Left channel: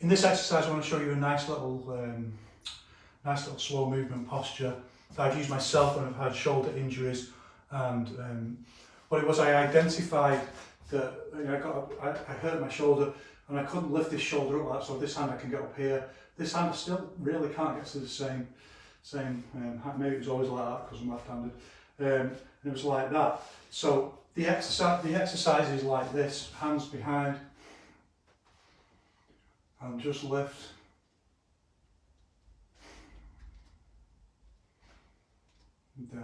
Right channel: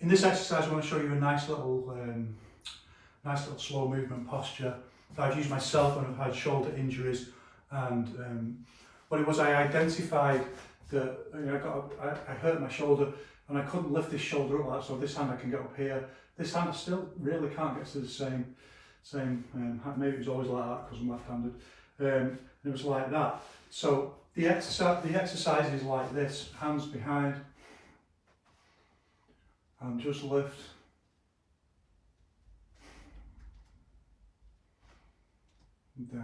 In this exercise, I want to show you a nice little slow movement posture that I've used myself when I've had shoulder injuries. And what it was, I identified that I hurt my shoulder and I couldn't lift this shoulder up like that. So this hand I can get up here. This hand I still really can't get to the same maybe it was always like that because I'm left-handed. And it was like that. So the exercise is like this: hands behind, and just lift. Down.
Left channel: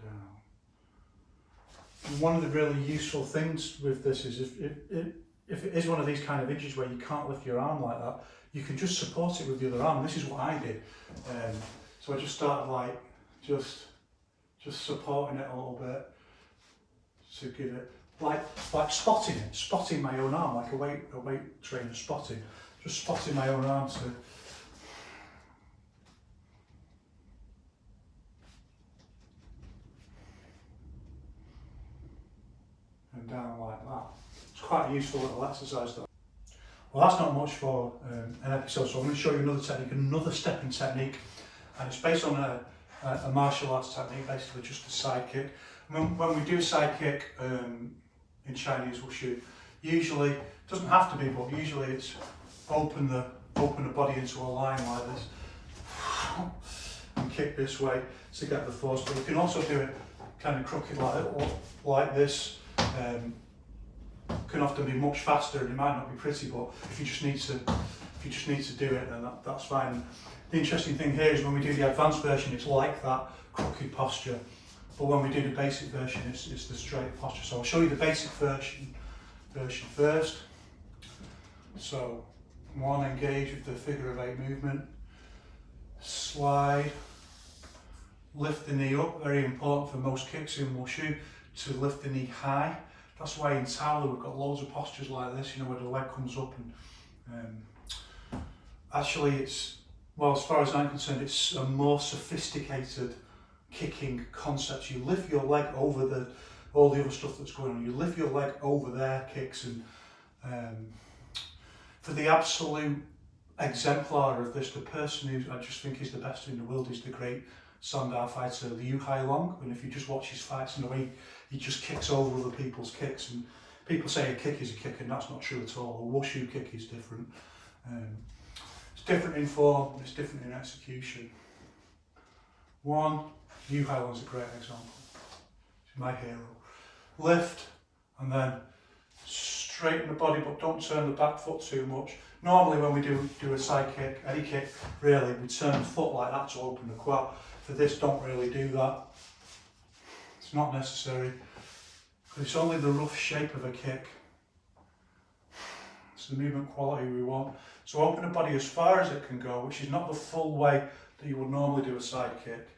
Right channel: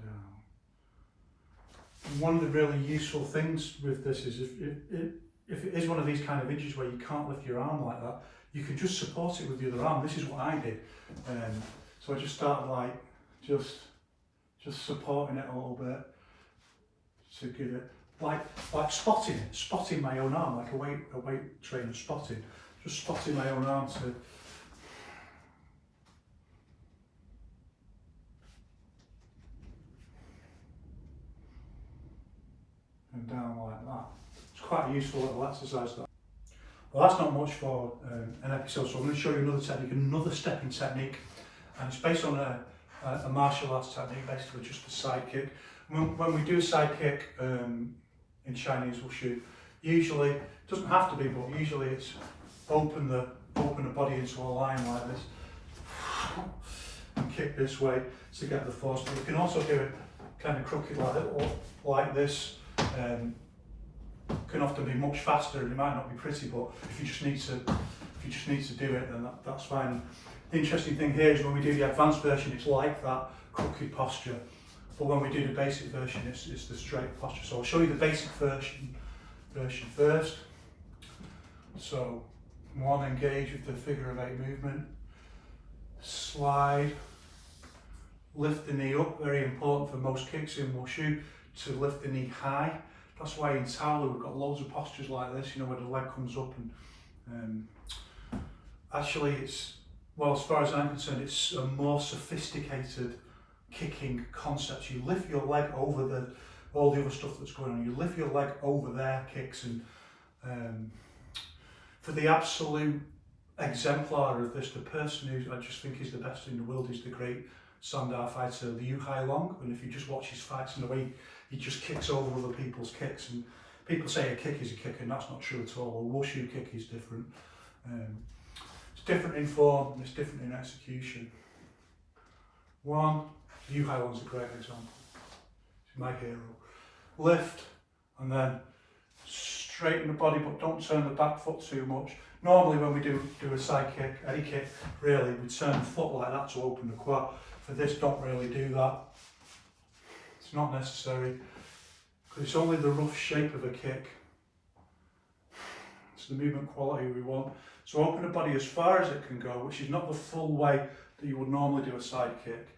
Down. And one of the really useful things with this is if it is one of these kind of injuries where you can't lift your arm like that, you can just support it with the other arm. This is what I did. So I just started like just supporting it a little bit to give it like spotting my own arm, like a weight trainer spotting, just spotting my own arm to. And down like that. It's quite a useful little exercise that. Well, that's not much for an episode, so I'm going to show you another technique, another stepping technique, and it's based on a martial arts technique, basically just a side kick. When we do a side kick in Chinese wushu, usually, it doesn't have to be, but usually it's open the body into a line like this, and kick this way to get the force, but you can also do it kind of crooked like this. Can often be much faster and it might not be pretty, but if you just need to do it, then that's fine. And the interesting thing here is when we do the advanced version, it's like that crooked posture, but when we do the basic version, it's the straight posture. So I'll show you the basic version first. So one, engage with the figure of 8 movement, slide, lift the knee up. Very important for most kicks in wushu to lift the knee high. That's why in Tao we've got loads of postures like this, where the leg comes up, and actually it's, well, as far as I'm concerned, it's a more sophisticated kicking concept. You lift your leg over all the other stuff that's going on. You lift your leg over their kicks, and for the absolute exemplar of this, the person who I just think is the best in the world is the great Sandar fighter, Liu Hailong. And if you just watch his fights and the way he just kicks over other people's kicks, and people say a kick is a kick, and that's not true at all. A wushu kick is different. It's different in form and it's different in execution. One, Liu Hailong's a great example. He's my hero. Lift, and then straighten the body, but don't turn the back foot too much. Normally when we do a side kick, any kick really, we turn the foot like that to open the quad. For this, don't really do that. It's not necessary, because it's only the rough shape of a kick. It's the movement quality we want. So open the body as far as it can go, which is not the full way that you would normally do a side kick.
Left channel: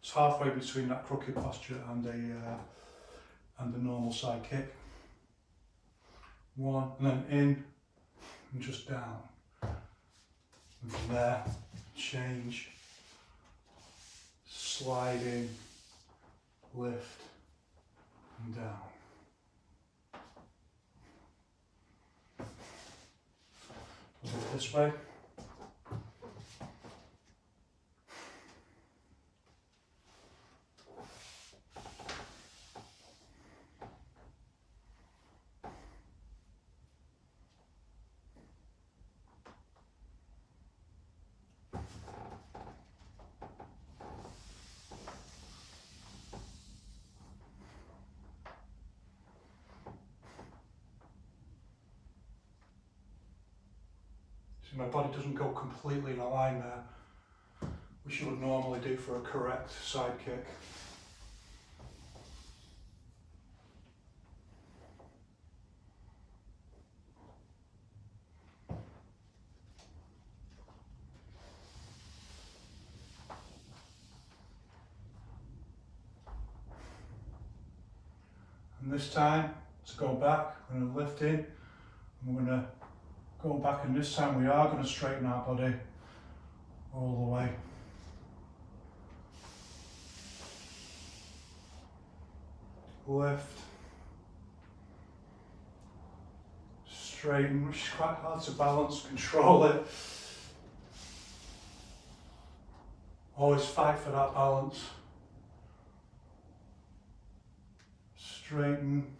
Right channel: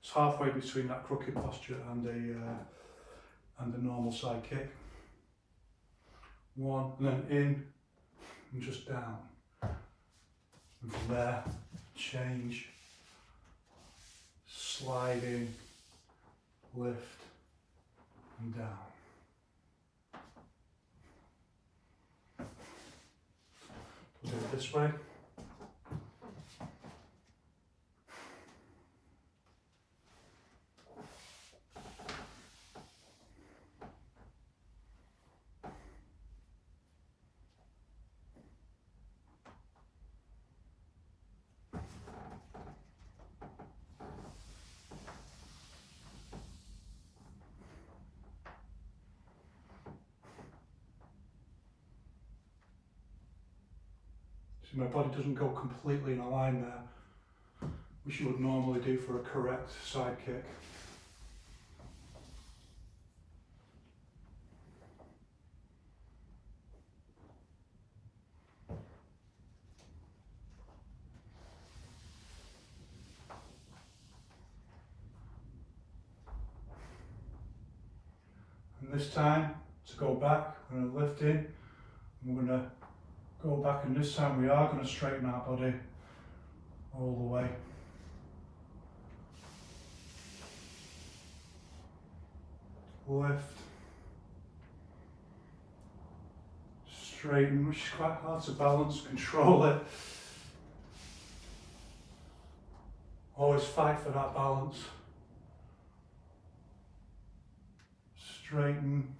It's halfway between that crooked posture and the normal side kick. One, and then in, and just down. And from there, change, sliding, lift, and down. Do it this way. So my body doesn't go completely in a line there, which you would normally do for a correct side kick. And this time, to go back, I'm going to lift in, I'm going to go back, and this time we are going to straighten our body all the way. Lift. Straighten, which is quite hard to balance, control it. Always fight for that balance. Straighten.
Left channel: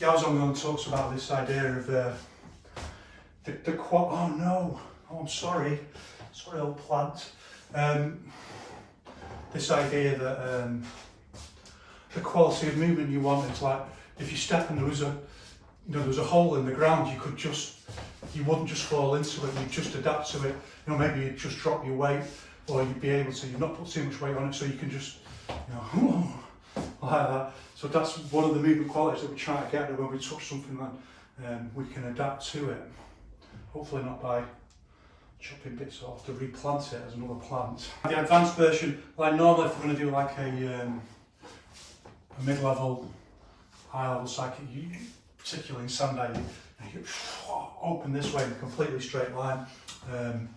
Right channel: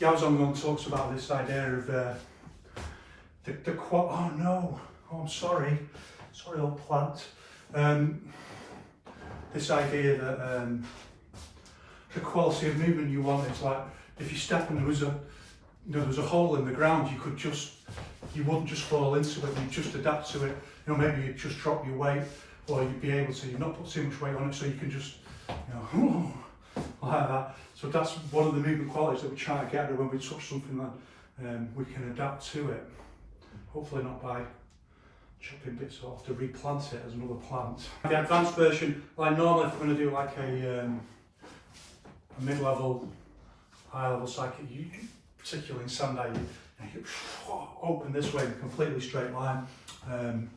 Yiquan talks about this idea of the quad. Oh no! Oh, I'm sorry. Sorry, old plant. This idea that the quality of movement you want is like if you step and there was a hole in the ground, you wouldn't just fall into it. You'd just adapt to it. Maybe you'd just drop your weight, or you'd be able to not put too much weight on it, so you can just like that. So that's one of the movement qualities that we try to get to when we touch something that we can adapt to it. Hopefully not by chopping bits off to replant it as another plant. The advanced version, like normally if we're going to do like a mid-level, high-level psychic, particularly in Sandai, you open this way in a completely straight line. You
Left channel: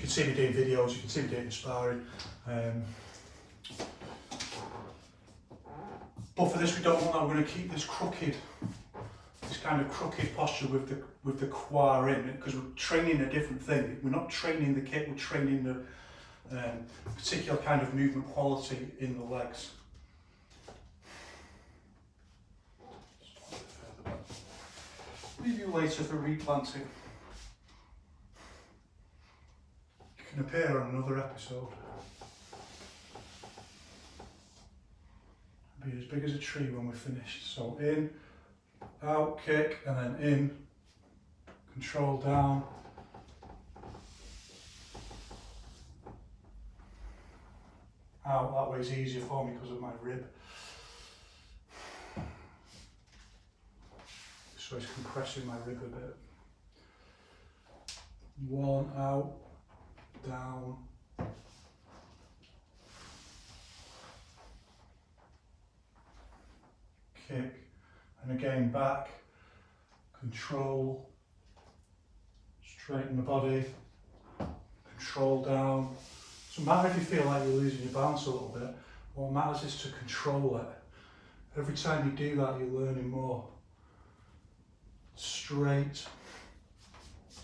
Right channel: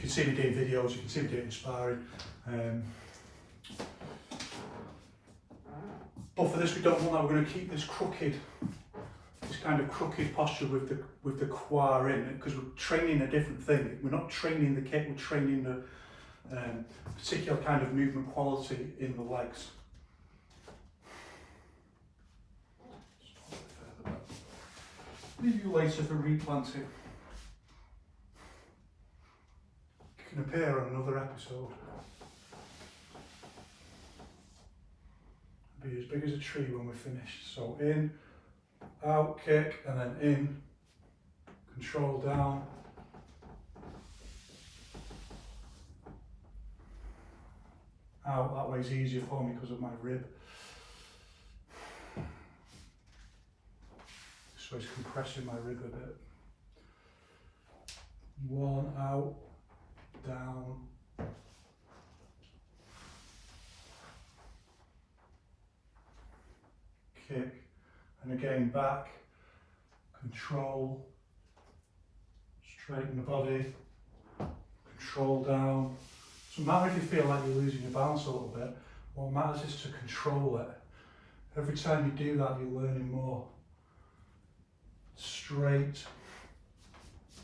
can see me doing videos, you can see me doing sparring. But for this we don't want that, we're going to keep this kind of crooked posture with the qua in, because we're training a different thing. We're not training the kick, we're training the particular kind of movement quality in the legs. Leave you later for replanting. It can appear on another episode. Be as big as a tree when we're finished. So in, out, kick, and then in, control down. Out, that way's easier for me because of my rib. So it's compressing my rib a bit. One, out, down. Kick, and again back, control, straighten the body, control down. It doesn't matter if you feel like you're losing your balance a little bit, what matters is to control it. Every time you do that, you're learning more. Straight,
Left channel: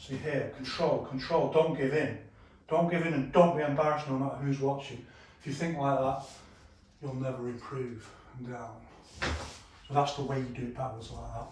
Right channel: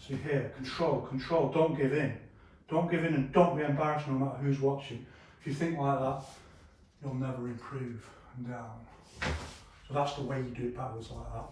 see here, control, don't give in. Don't give in and don't be embarrassed no matter who's watching. If you think like that, you'll never improve. And down. So that's the way you do it backwards like that.